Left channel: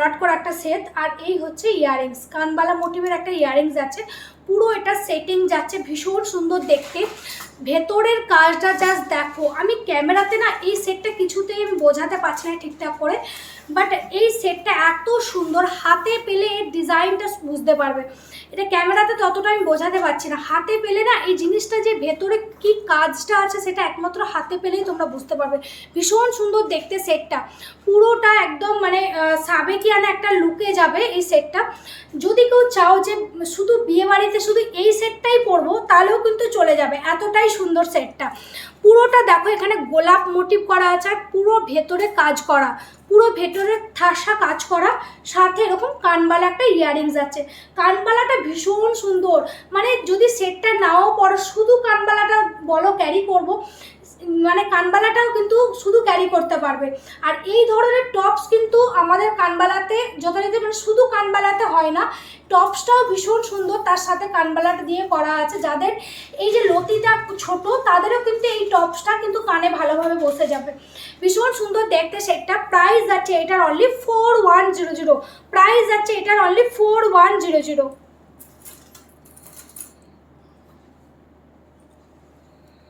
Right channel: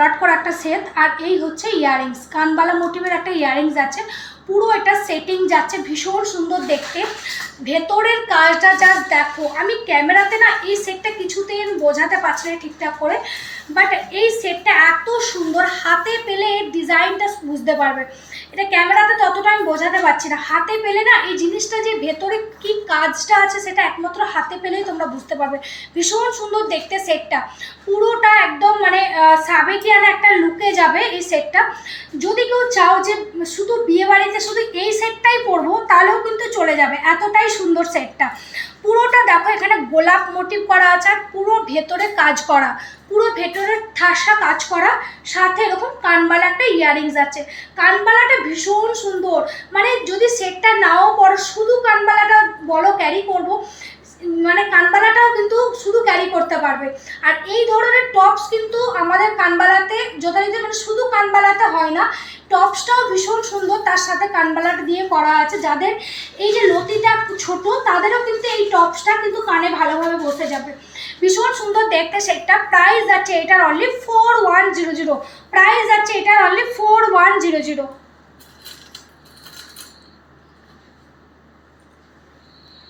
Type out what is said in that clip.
ভরাট করা একটা সেট। আর এই হচ্ছে ইয়াররিংস, কানবালা মোটিভের একটা ইয়াররিংস আছে, পুরো এটা সেটিং যাচ্ছে, ভীষণ সুন্দর দেখতে। ভেতরের কাজটা জাস্ট দেখো, আমি ক্যামেরাতে না এই সেটটা কিছুতেই আমি বোঝাতে পারছি না ঠিকঠাক করে, বাট এই সেটটা এত সুন্দর, হাতে পেলে এর ডিজাইনটা বুঝতে পারবে। এটা ক্যামেরাতে ততটা আমি বোঝাতে পারছি না, হাতে পেলে না এই জিনিসটা যে ভেতরে কি কাজটা আছে সেটা একমাত্র হাতে পেলেই তোমরা বুঝতে পারবে। ভীষণ সুন্দর দেখতে সেটটা, পুরোটা একদম মানে সাবেকিয়ানা একটা লুকে যাবে এই সেটটা। যদি কেউ চাও যে শুধু বিয়েবাড়িতে শুধু এই সেটটাই পরবো তাহলেও কিন্তু চলে যাবে, এতটাই সুন্দর সেটটা। পুরোটা দেখো এখানে গোলাপ মোটিভ করা আছে, আর পুরো ভেতরে কাজ করা, পুরো ভেতরে ঠাসা কাজ করা, সাথে এরকম কানবালা একটা ইয়াররিংস আছে। কানবালাটা ভীষণ সুন্দর, মানে যদি সেটটা নাও পরো, শুধু কানবালাটা বলো ক্যারি করবো, মানে কানবালাটাও কিন্তু শুধু ক্যারি করতে পারবে। আর এই ধরনের টপস কিন্তু আমাদের কানবালাতে যথারীতি মানে শুধু কানবালাতে হয় না, টপসটাও ভীষণ সুন্দর, তার সাথে কানবালাটা দিয়ে করা আছে। যাদের এই যে লতিটা ছোট তাদেরও কিন্তু এই টপসটা কিন্তু কানে ভালোভাবে বসে যাবে, ভীষণ সুন্দর দেখতে সেটটা। প্রাইস আছে এটার অনলি 4100, প্রাইস আছে এটার অনলি 4100।